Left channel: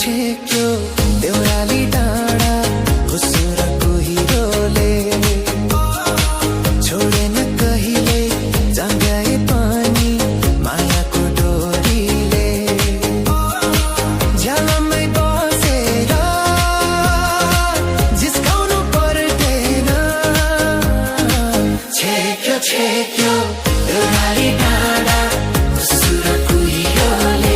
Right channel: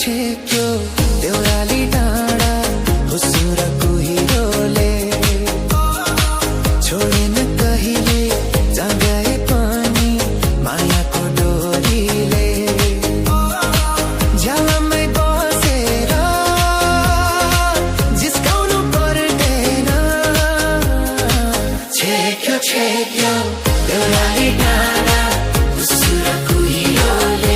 छेक्यो देउराली डाँडा हुसुरको हिरोले छोडेन कहिले जगाए पनि मायाको डोरीले झ्यालमै बसेर जिस्काउनु पर्दैन छेक्यो छेक्यो देउराली डाँडा हुसुरको हिरोले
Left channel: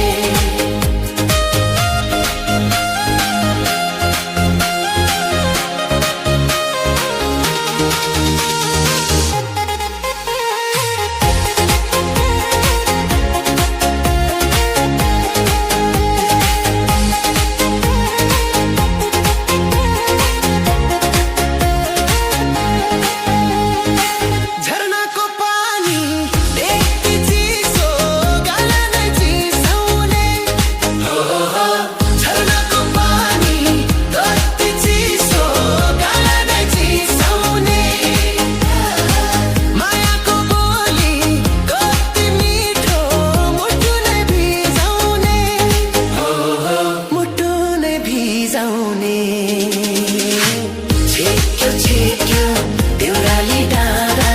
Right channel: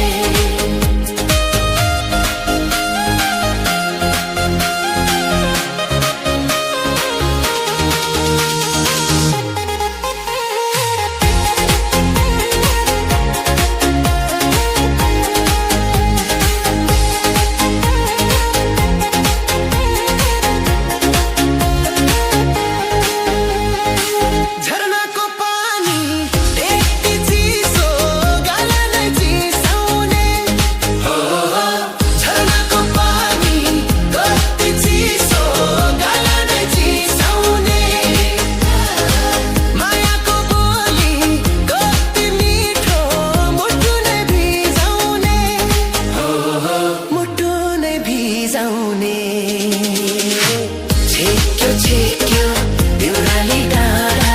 छेक्यो छेक्यो देउराली डाँडा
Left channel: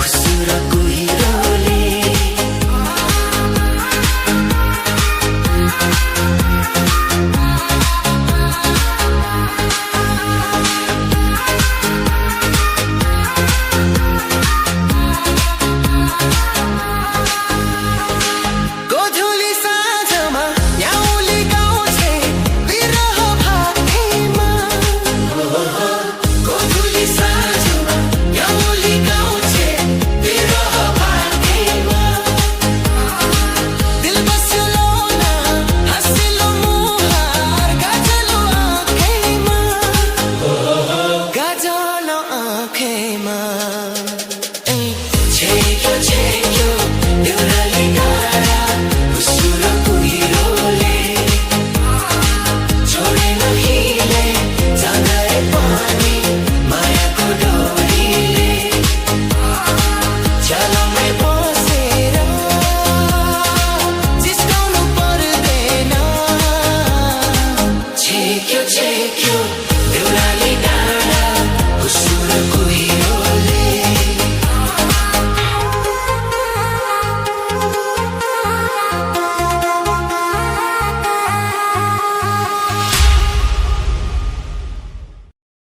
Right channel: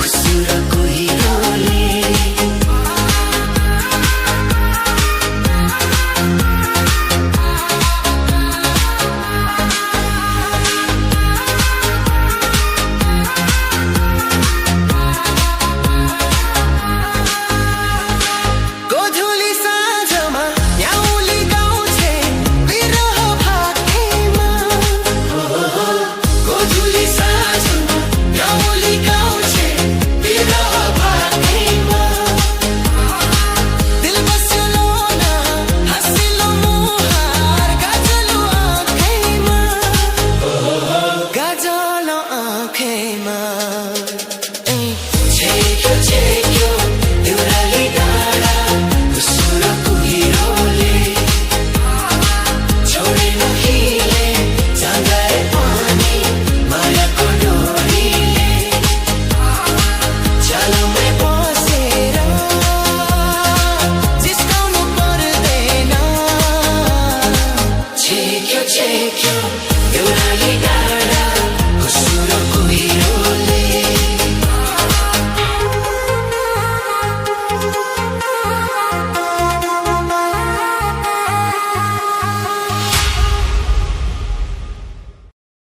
हुसुरको हिरोले गोधुली साँझमा न्याउली गाउँछे बिरह भाकेमा गोधुली साँझमा न्याउली गाउँछे बिरह भाकेमा दिल बस्यो लोना हँसिलो मुहार गाजलो आँखैमा गाजलो आँखैमा छेक्यो छेक्यो देउराली डाँडा हुसुरको हिरोले छोडेन हिले जगाए पनि मायाको डोरीले झ्यालमै बसेर जिस्काउनु पर्दैन छेक्यो छेक्यो देउराली डाँडा हुसुरको हिरोले